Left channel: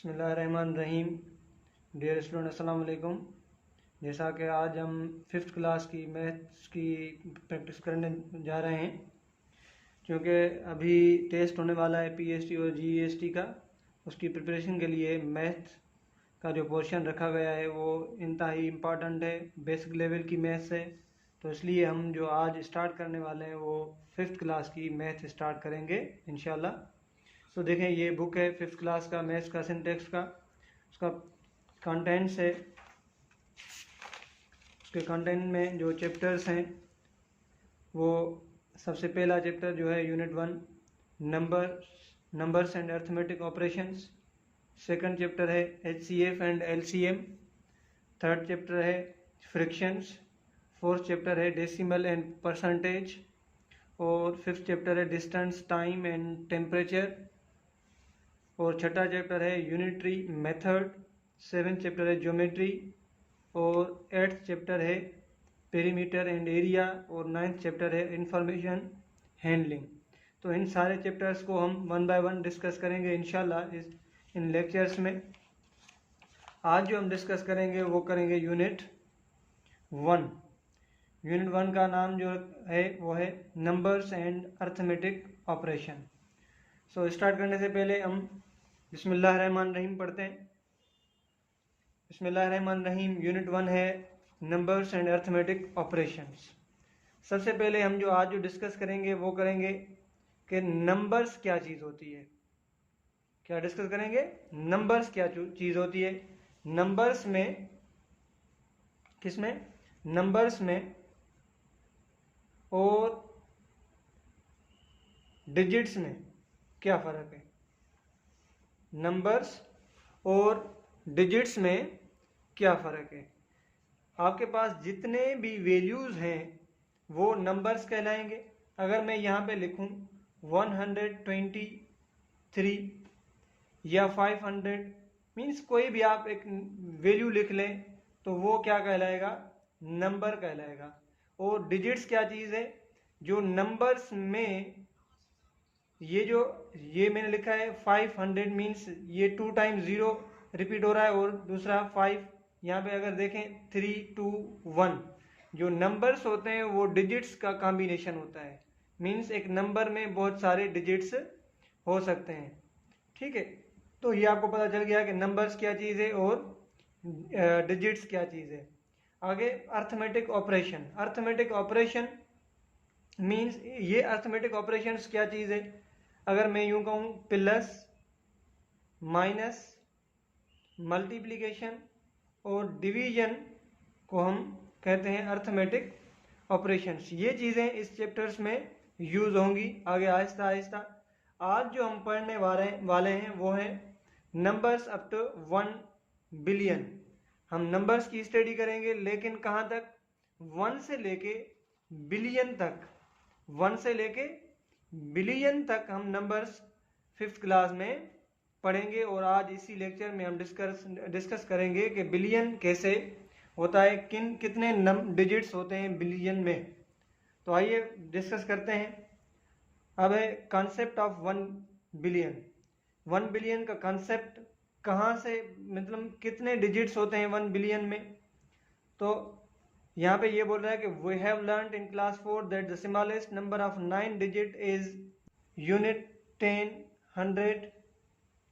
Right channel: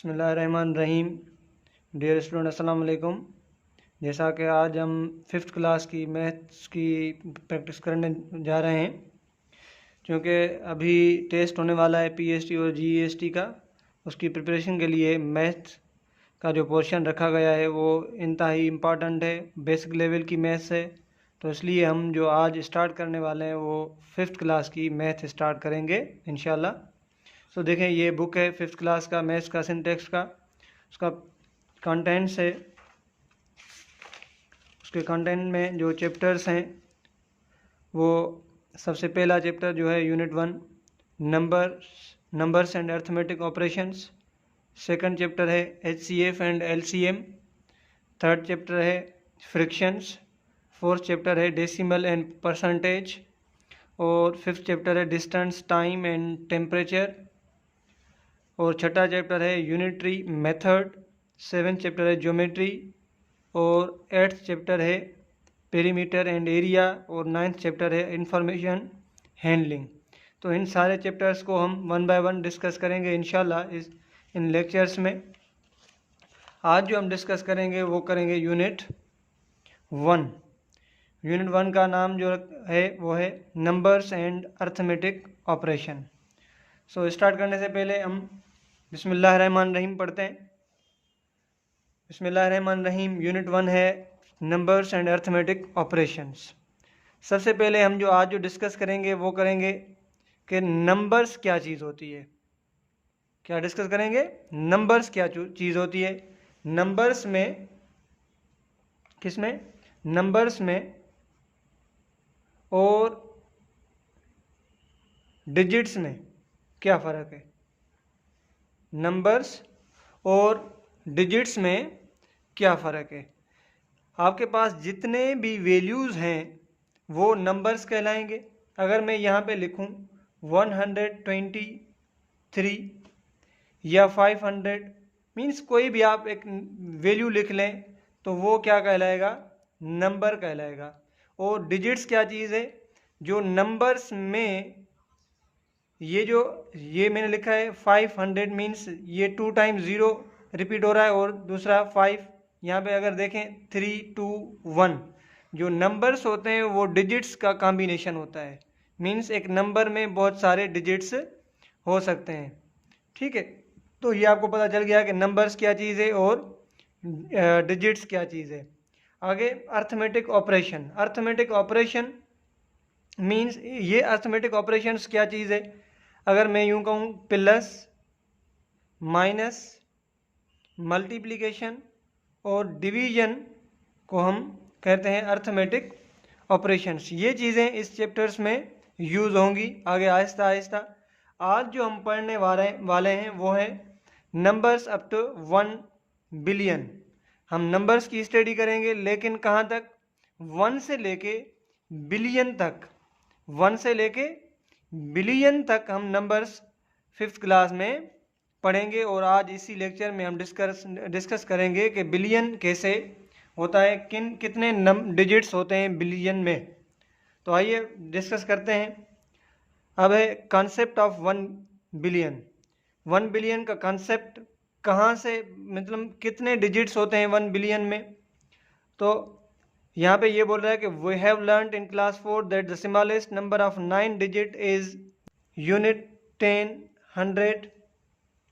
बिस्मिल्लाहिर्रहमानिर्रहीम। Dear student, अस्सलाम वालेकुम। जैसा कि आज हम 5th क्लास की मैथ्स की प्रैक्टिस करने जा रहे हैं, क्योंकि अभी टेस्ट होने वाला है पीएसटी और जीएसटी का। उसकी प्रिपरेशन के लिए मैथ्स का जो पोर्शन रखा गया है वो इंतहाई इम्पॉर्टेंट है, बेसिक लेवल की मैथ्स है। तो इसलिए हम जो आज स्टार्ट करने वाले हैं वो 5th क्लास की मैथ स्टार्ट करेंगे इंशाल्लाह। तो देखें, ये बुक है 5th क्लास का मैथ्स का सिंटेक्स का। उसका कंटेंट्स है, उसके कंटेंट में जो चैप्टर्स हैं वो सबसे पहला चैप्टर जो है unit 1 numbers and arithmetic operations. Second chapter है HCF and LCM. Third chapter है फ्रिक्शंस। फोर्थ चैप्टर है डेसिमल एंड परसेंटेज। और फिफ्थ चैप्टर है डिस्टेंस, टाइम एंड टेम्परेचर। और छठा चैप्टर है यूनिटरी मेथड। सेवेंथ चैप्टर है ज्योमेट्री। और 8th चैप्टर है पेरीमीटर एंड एरिया। और 9th चैप्टर है इंफॉर्मेशन हैंडलिंग। तो इन सारे चैप्टर्स को हम वन बाय वन डिस्कस करेंगे इंशाल्लाह इन लेक्चर्स में। आज जो हम डिस्कस करेंगे वो करेंगे यूनिट 1। यूनिट 1 का नाम जो है वो है numbers and arithmetic operation. So start करने से पहले हम बिस्मिल्लाहिर्रहमानिर्रहीम पढ़ते हैं। बिस्मिल्लाहिर्रहमानिर्रहीम। यूनिट 1 है नंबर्स एंड अर्थमेटिक ऑपरेशंस। सबसे पहले हम जो आज जो डिस्कस करेंगे वो करेंगे कि नंबर्स क्या चीज़ होती है। क्या डिस्कस करेंगे? नंबर्स क्या चीज़ होती है। नंबर्स में, किस में? नंबर्स में और डिजिट्स में क्या फ़र्क है। नंबर्स और डिजिट्स में क्या फ़र्क है। आपके पास जितने भी वैल्यूज़ हैं वो नंबर्स कहलाएंगे। अगर मैं यहाँ पे लिखूँ 123 या 500, मीन्स कोई भी आप एक वैल्यू लिख लें तो वो क्या कहलाएगा? नंबर कहलाएगा। और डिजिट्स क्या चीज़ है? जो नंबर्स में ये मैंने लिखा है 500, मीन्स ये 2 टाइम्स 0 रिपीट हो रहा है और दूसरा 5। यहाँ पे अगर देखें 3 2 1, जो नंबर्स होते हैं वो डिजिट्स का कॉम्बिनेशन होता है। मीन्स एक नंबर में बहुत सारे डिजिट्स हो सकते हैं। ठीक है, तो ये आपको पता चल गया कि नंबर्स क्या चीज़ है और डिजिट्स क्या चीज़ है। आगे arithmetic operation. Arithmetic operation means ये अर्थमेटिक ऑपरेशंस क्या चीज़ है। अगर मैं यूं कहूँ प्लस, माइनस, मल्टीप्लिकेशन और डिवीजन को हम कहते हैं अर्थमेटिक ऑपरेशंस। ये चीज़ें इस चैप्टर्स में यूज़ होंगी आगे आहिस्ता आहिस्ता। आज जो हम पढ़ने वाले हैं वो है नंबर्स अप टू 1 बिलियन। हम नंबर्स की स्टडी करेंगे, लेकिन कहाँ तक? 1 से लेके बिलियन तक। 1 से लेके बिलियन तक हम नंबर्स 5th क्लास में पढ़ेंगे। और आज इसी लेक्चर में हम डिस्कस करेंगे कि बिलियन कैसे होता है, कितने डिजिट्स होते हैं बिलियन में। तो आइए डिस्कस करते हैं। अब है कॉन्सेप्ट ऑफ 1 बिलियन। 1 बिलियन का कॉन्सेप्ट कहाँ से, मतलब कितने डिजिट्स होते हैं 1 बिलियन में। तो यहाँ पे ये बोल रहा है कि we have learned in class 4 that the smallest number of 9 digit is unit, 10, 100,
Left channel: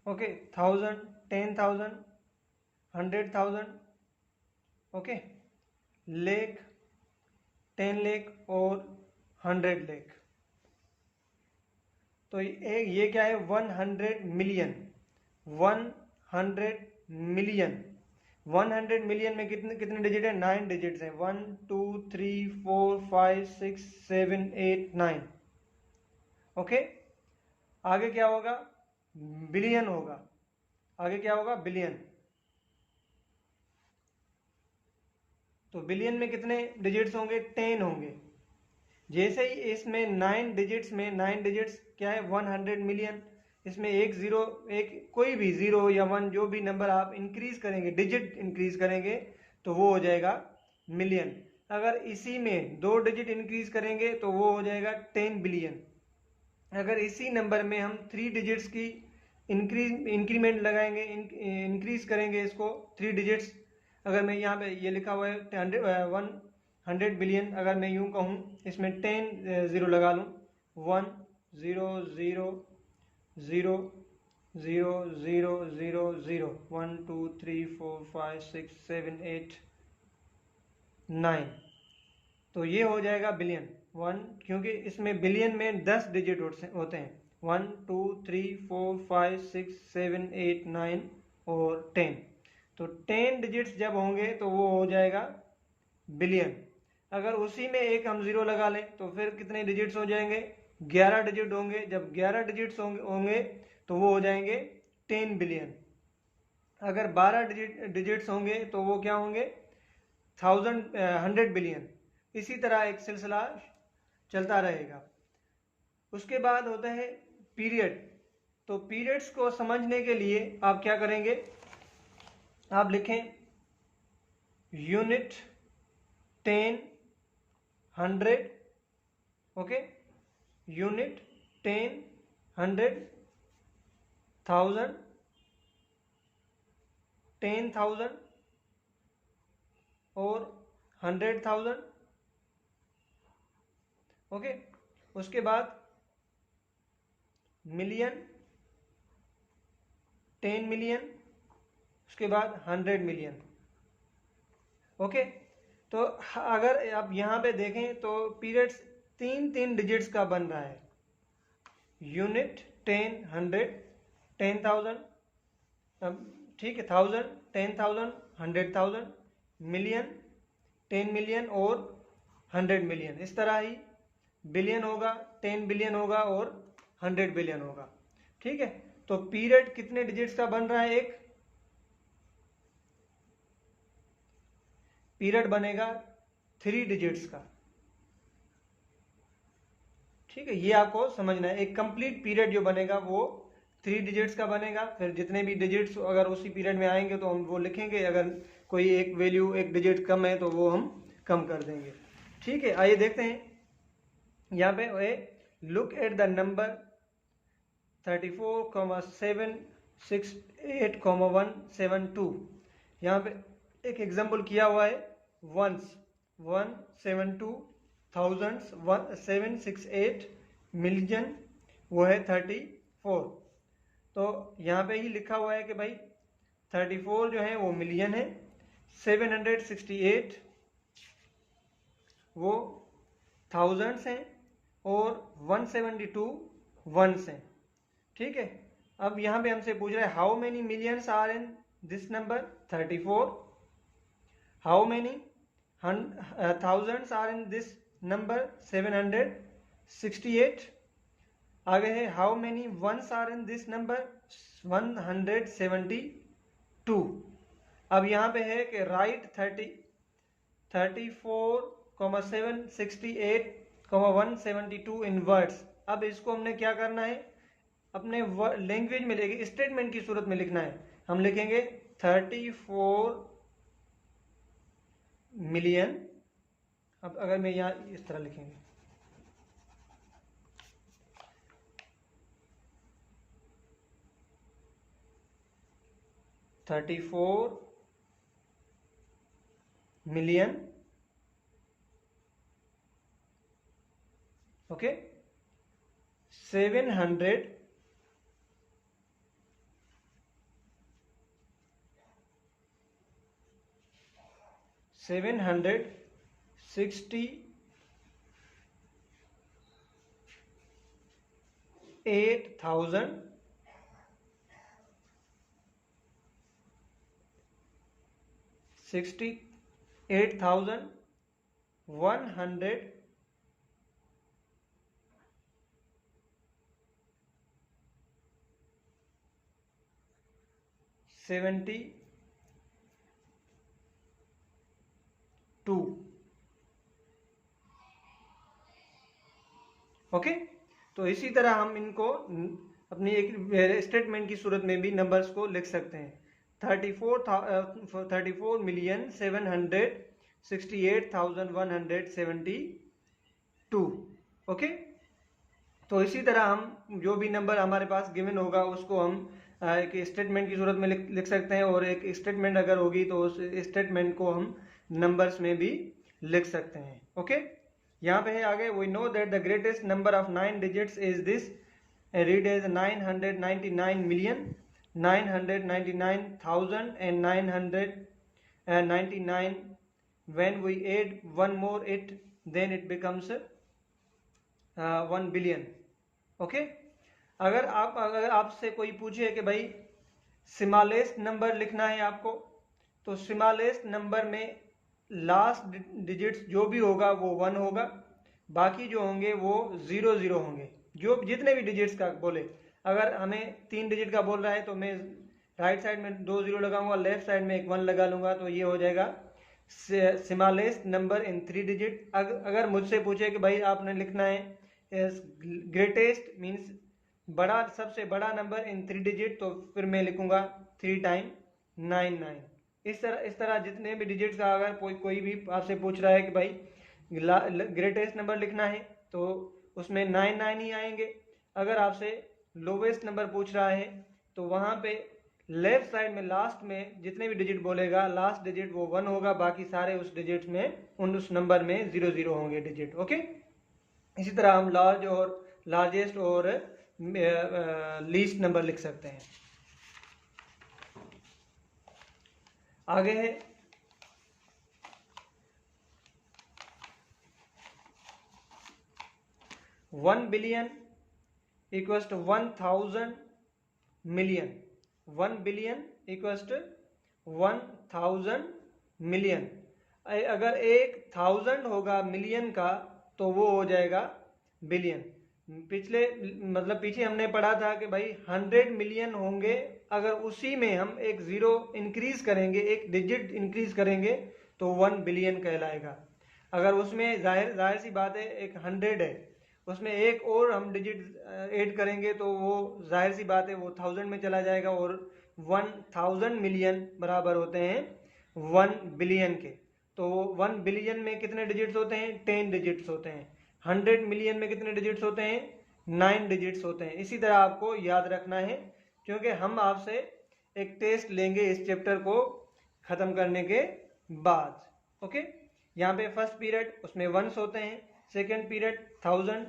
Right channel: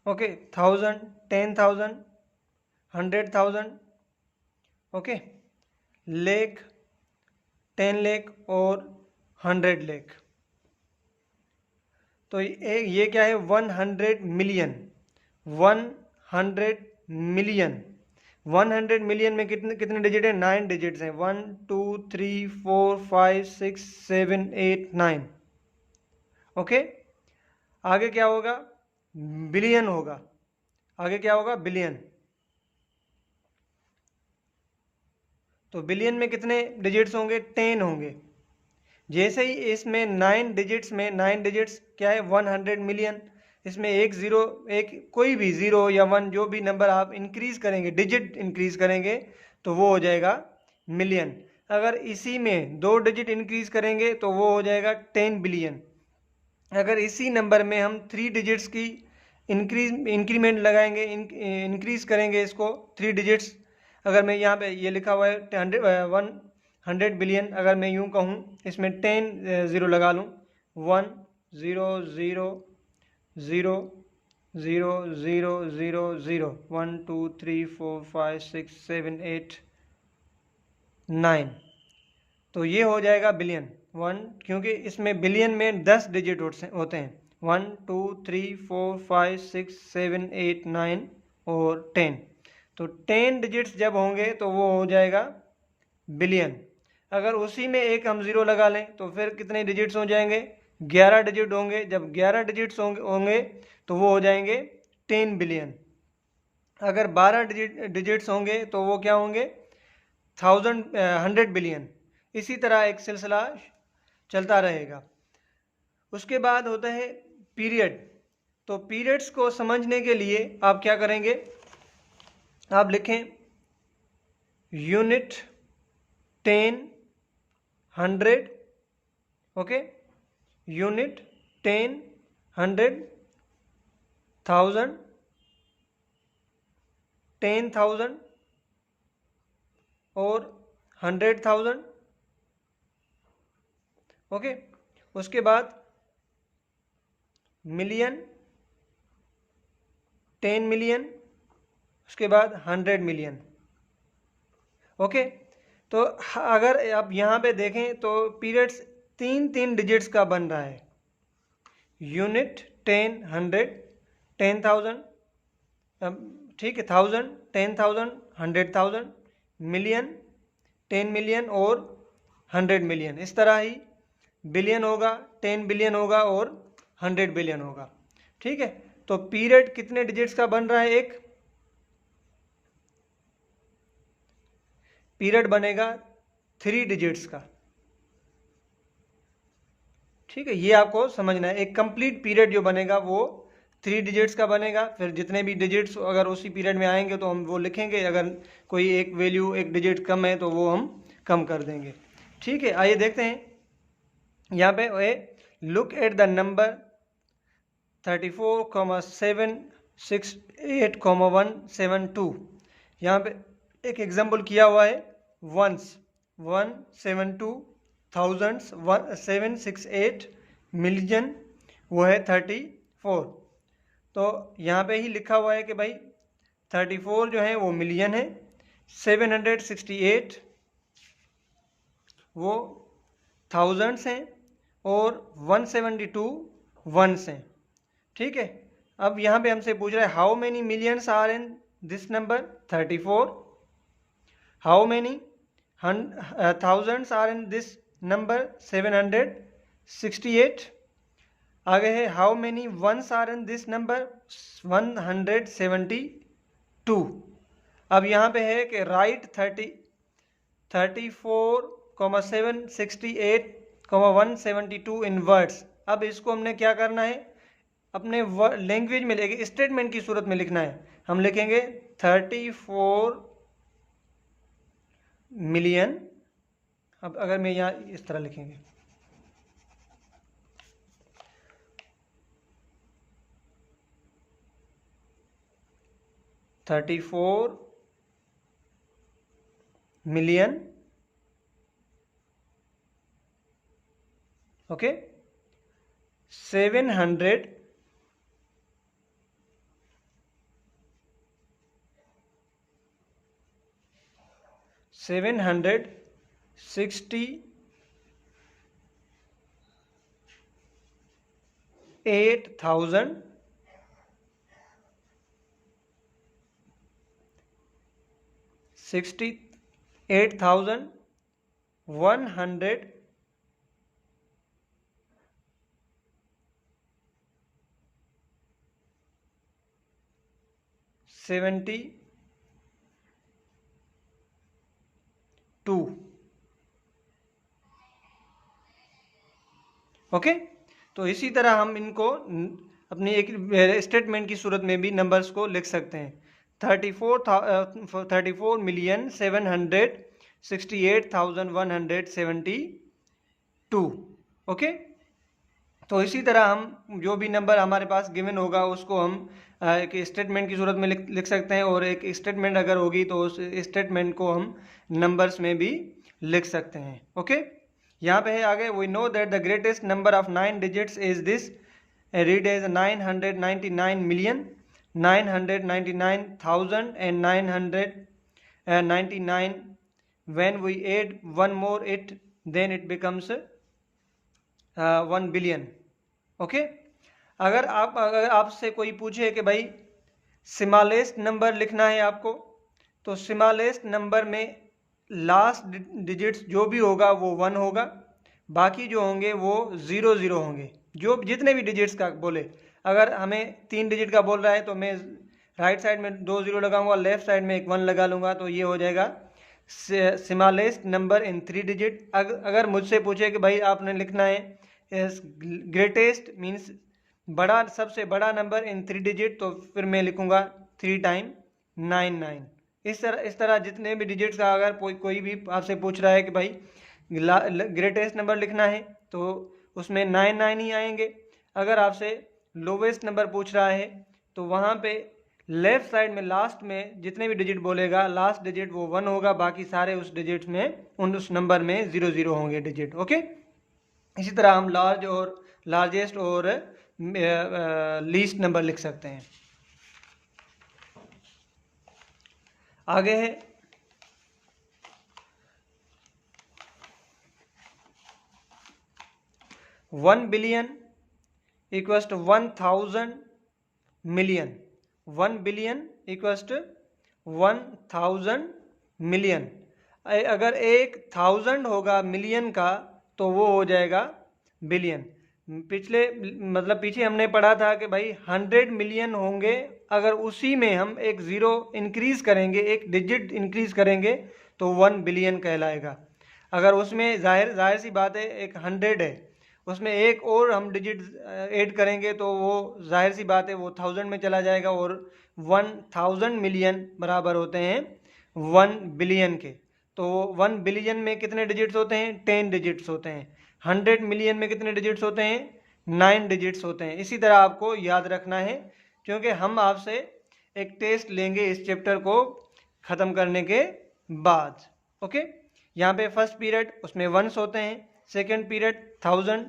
okay, 1000, 10,000, 100,000, okay, lakh, 10 lakh और 100 लाख। तो ये क्या है? 100 मिलियन। 100 मिलियन। 100 मिलियन में कितने कितने डिजिट है? 9 डिजिट्स हैं। 1 2 3 4 5 6 7 8 9। ओके, आगे क्या होगा? बिलियन होगा। आगे क्या होगा? बिलियन। तो बिलियन में कितने डिजिट्स होंगे? 10 होंगे। जैसे ही इसमें 9 डिजिट्स में 9 डिजिट्स क्या है? 100 मिलियन। इसमें एक ज़ीरो, एक कोई भी 0 या 1 जो भी नंबर आप इंक्रीज करेंगे, डिजिट इंक्रीज करेंगे तो वो हो जाएगा मिलियन। अगर इसी में 2 डिजिट इंक्रीज करेंगे तो वो हो जाएगा 10 बिलियन। अगर इसी नंबर में हम 3 डिजिट्स की इंक्रीमेंट लगाएंगे, इंक्रीज करेंगे इसको 3 डिजिट्स। अगर मैं यहाँ पे ये लिखा हुआ है 100 बिलियन, अगर मैं यूँ कहूँ इसमें 10 ज़ीरो लगा लूँ, 1 0 0 0 0 0 0 0 1 2 3 4 5 6 7 8 9, तो ये हो जाएगा बिलियन 1, क्योंकि इसमें बिलियन में 10 डिजिट होते हैं, 1 2 3 4 5 6 7 8 9 और 10। तो 10 डिजिट्स जब होंगे तो वो हो जाएगा बिलियन। अगर उसी में एक हम ज़ीरो लगा लें तो फिर कितने डिजिट्स हो जाएंगे, 11 डिजिट होंगे। जब 11 डिजिट्स होंगे तो वो हो जाएंगे 10 बिलियन। अगर 12 डिजिट्स होंगे तो वो क्या होंगे, 100 बिलियन। इसी तरह एक सिलसिला चलता रहेगा। उसके बाद होता है पीरियड। तो पीरियड्स को समझने के लिए आप क्या करेंगे, आप लिखें यूनिट, 10, 100, ओके, यूनिट, 10, 100, 1000, 10,000 और 100,000, ओके। उसके बाद मिलियन, 10 मिलियन, उसके बाद 100 मिलियन, ओके। तो अगर आप यहाँ पे देखें तो पीरियड्स 3 डिजिट्स का बन रहा है, यूनिट, 10, 100, 10,000, ठीक है, 1000, 10,000, 100,000, मिलियन, 10 मिलियन और 100 मिलियन। इस तरह ही बिलियन होगा, 10 बिलियन होगा और 100 बिलियन होगा, ठीक है। तो पीरियड कितने डिजिट्स का बन रहा है, एक पीरियड बनेगा 3 डिजिट्स का, ठीक है। ये आपको समझना है, एक कंप्लीट पीरियड जो बनेगा वो 3 डिजिट्स का बनेगा। फिर जितने भी डिजिट्स अगर उसी पीरियड में आएंगे तो हम वो लिखेंगे, अगर कोई एक वैल्यू एक डिजिट कम है तो वो हम कम कर देंगे, ठीक है। आइए देखते हैं यहाँ पे, लुक एट द नंबर 34,768,172। यहाँ पे एक एग्जाम्पल किया हुआ है, वंस, 172, थाउजेंड्स 768, मिलियन वो है 34। तो यहाँ पे ही लिखा हुआ है कि भाई 34 जो है वो मिलियन है, 768 वो थाउजेंड्स हैं और 172 वंस हैं, ठीक है। अब यहाँ पे हमसे पूछ रहा है how many millions are in this number 34, how many thousands are in this number 768। आगे है how many ones are in this number 172। अब यहाँ पे है कि राइट 34,768,172 इन वर्ड्स। अब इसको हमने क्या करना है, अपने लैंग्वेज में लेके स्टेटमेंट की सूरत में लिखना है। हम लिखेंगे 34 मिलियन। अब अगर मैं यहाँ इस तरह लिखेंगे 34 मिलियन, ओके, 768 8,000 172, ओके। तो इसी तरह हम इनको अपनी एक स्टेटमेंट की सूरत में भी नंबर्स को लिख सकते हैं, 34,768,172, ओके। तो इसी तरह हम जो भी नंबर हमारे पास गिवन होगा उसको हम एक स्टेटमेंट की सूरत में लिख सकते हैं, और एक स्टेटमेंट अगर होगी तो उस स्टेटमेंट को हम नंबर्स में भी लिख सकते हैं। ओके, यहाँ पे है आगे, we know that the greatest number of 9 digits is this, read as 999 million 999,000 and 999. when we add one more it, then it becomes 1 billion. Okay, अगर आपसे कोई पूछे कि भाई स्मॉलेस्ट नंबर लिखना है आपको, तो स्मॉलेस्ट नंबर में लास्ट डिजिट्स जो भी होगा वो 1 होगा, बाकी जो होंगे वो 0 होंगे, जो जितने भी डिजिट्स का बोले। अगर हमें 3 डिजिट का बोल रहा है तो मैं राइट साइड में 2 0 लगाऊंगा, लेफ्ट साइड में एक 1 लगा लूंगा, तो ये हो जाएगा स्मॉलेस्ट नंबर इन 3 डिजिट। अगर मुझसे पूछे कि भाई आपने लिखना है ग्रेटेस्ट मीन्स बड़ा, सबसे बड़ा नंबर इन 3 डिजिट, तो फिर मैं लिखूंगा 3 टाइम 99। इस तरह जितने भी डिजिट्स का अगर कोई भी आपसे पूछ रहा है कि भाई ग्रेटेस्ट नंबर लिखना है तो उसमें 99 ही आएंगे। अगर आपसे लोवेस्ट नंबर पूछ रहा है तो वहाँ पे लेफ्ट साइड में लास्ट में जितने भी डिजिट बोलेगा, लास्ट डिजिट वो 1 होगा, बाकी सारे उस डिजिट में उस नंबर में 0 होंगे डिजिट। ओके, इसी तरह हम लार्ज और लार्जेस्ट और लीस्ट नंबर लिख सकते हैं। आगे है 1 billion equals to 1000 million. 1 billion equals to 1000 million. अगर 1000 होगा मिलियन का तो वो हो जाएगा बिलियन। पीछे हमने पढ़ा था कि भाई 100 मिलियन होंगे, अगर उसी में हम एक 0 इंक्रीज करेंगे, एक डिजिट इंक्रीज करेंगे तो 1 बिलियन कहलाएगा। अगर उसमें जाहिर सी बात है एक 100 है, उसमें एक और हम डिजिट ऐड करेंगे तो वो जाहिर सी बात है वो 1000 में चला जाएगा, और 1000 मिलियन बराबर होते हैं 1 बिलियन के। तो 1 बिलियन में कितने डिजिट्स होते हैं? 10 डिजिट्स होते हैं। 100 मिलियन में कितने डिजिट्स होते हैं? 9 डिजिट्स होते हैं। इसी तरह आपको याद रखना है, क्योंकि हम आपसे एक टेस्ट लेंगे इस चैप्टर को ख़त्म करने के बाद। ओके, यहाँ पे फर्स्ट पीरियड उसमें वंस होते हैं, second period 1000,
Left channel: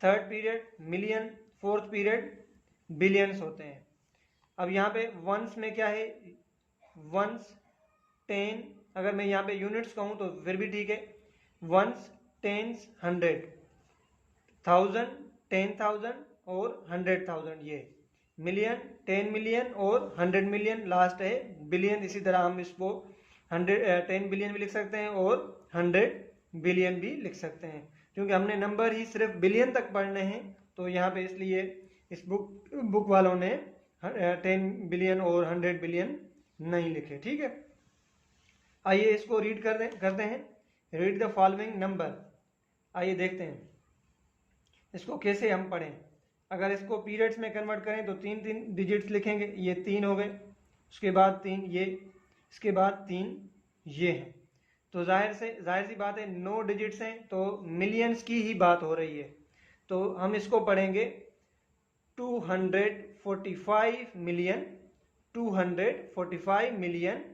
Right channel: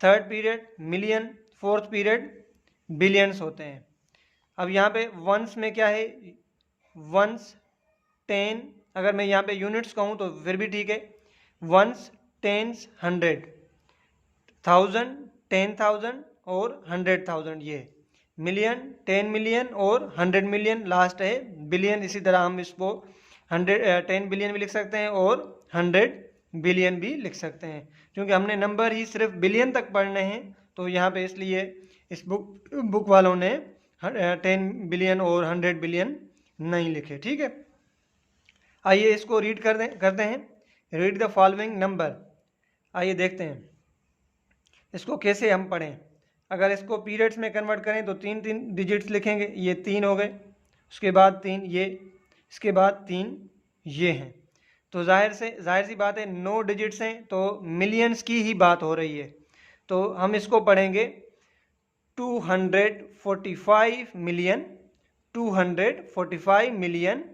third period million, fourth period billions होते हैं। अब यहाँ पे वंस में क्या है? वंस 10, अगर मैं यहाँ पे यूनिट्स कहूँ तो फिर भी ठीक है। वंस, टेंस, 100, 1000, 10,000 और 100,000, ये मिलियन, 10 मिलियन और 100 मिलियन, लास्ट है बिलियन। इसी तरह हम इसको 10 बिलियन भी लिख सकते हैं और 100 बिलियन भी लिख सकते हैं, क्योंकि हमने नंबर ही सिर्फ बिलियन तक पढ़ने हैं, तो यहाँ पे इसलिए इस बुक वालों ने 10 बिलियन और 100 बिलियन नहीं लिखे। ठीक है, आइए इसको रीड करते हैं। Read the following number. आइए देखते हैं इसको कैसे हम पढ़ें। अगर इसको पीरियड्स में कन्वर्ट करें तो 3 डिजिट्स लिखेंगे। ये 3 हो गए, उसके बाद 3 ये, इसके बाद 3 ये हैं। तो जाहिर सी बात है 9 डिजिट्स हैं, तो मिलियंस की ही बात हो रही है। तो हम इसको पढ़ेंगे 245 मिलियन, 245 मिलियन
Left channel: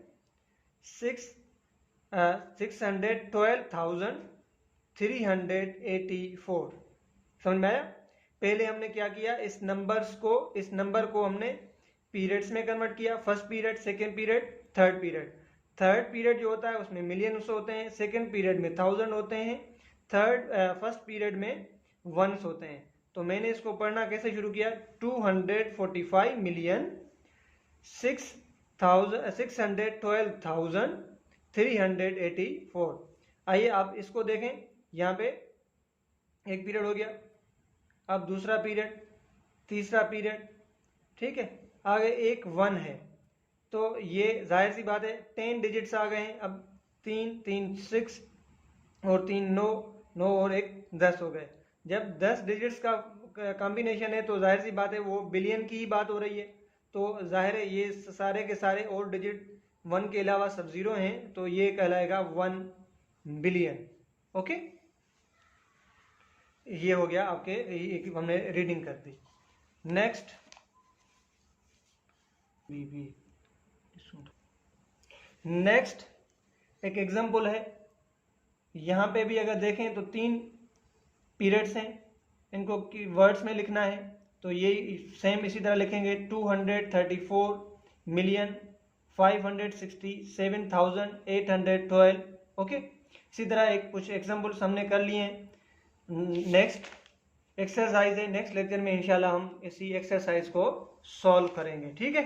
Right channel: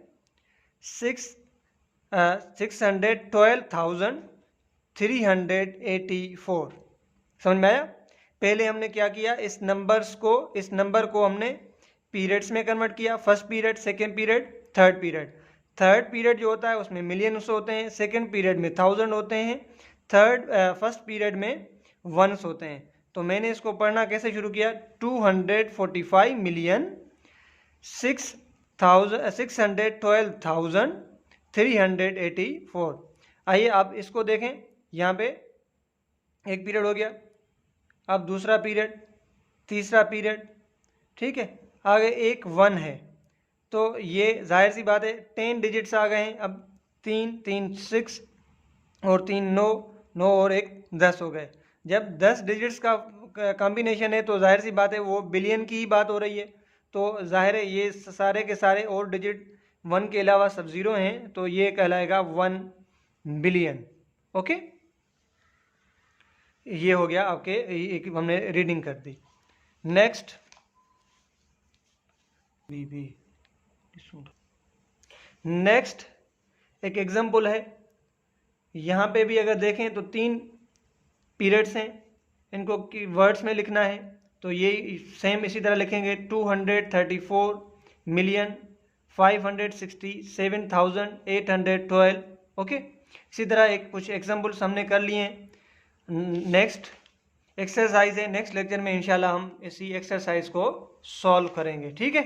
612,384। समझ में आया? पहले हमने क्या किया, इस नंबर को हमने पीरियड्स में कन्वर्ट किया। First period, second period, third period. Third period जो होता है उसमें मिलियंस होते हैं, सेकेंड पीरियड में 1000 होते हैं, फर्स्ट पीरियड में वंस होते हैं। तो मैंने इसको पढ़ना कैसे शुरू किया? 245 मिलियन 612,384। आइए आप इसको देखें, यहाँ पे एक पीरियड हो गया, अब दूसरा पीरियड, तीसरा पीरियड, ठीक है, आगे एक 1 है। तो ये जाहिर सी बात है 10 डिजिट्स आ गए हैं। अब 3 6 और 3 9 9 और 1 10 हो गए। जब 10 डिजिट्स का कॉम्बिनेशन है तो जाहिर सी बात है वो बिलियन की ही बात हो रही है। तो जाहिर है ये सारे के सारे और डिजिट 1 के अलावा सब 0 हैं, तो ये कहलाएगा 1 बिलियन। ओके, ये हो गया आपके, एक हमने रीडिंग कर दी। नेक्स्ट नेक्स्ट एक एग्जाम्पल है, यहाँ पे भी अगर देखें तो 3 पीरियड्स हैं, इनको वर्ड्स में लिखना है तो ये सेम इसी तरह लिखेंगे 234,567,812। ओके, इसी तरह एक कुछ एग्जाम्पल्स हमने कर लिए हैं। नेक्स्ट एक्सरसाइज है, नेक्स्ट लेक्चर में इंशाल्लाह हम इसी एक्सरसाइज को सॉल्व करेंगे। ठीक है,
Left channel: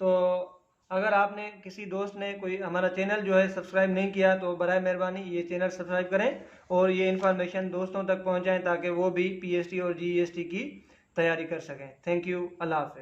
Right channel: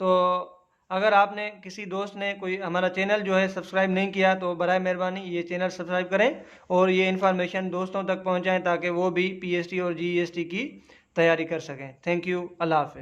तो अगर आपने किसी दोस्त ने कोई हमारा चैनल जो है सब्सक्राइब नहीं किया तो बराए मेहरबानी ये चैनल सब्सक्राइब करें और ये इन्फॉर्मेशन दोस्तों तक पहुंचाएं ताकि वो भी पीएसटी और जीएसटी की तैयारी कर सकें। थैंक यू, अल्लाह हाफ़िज़।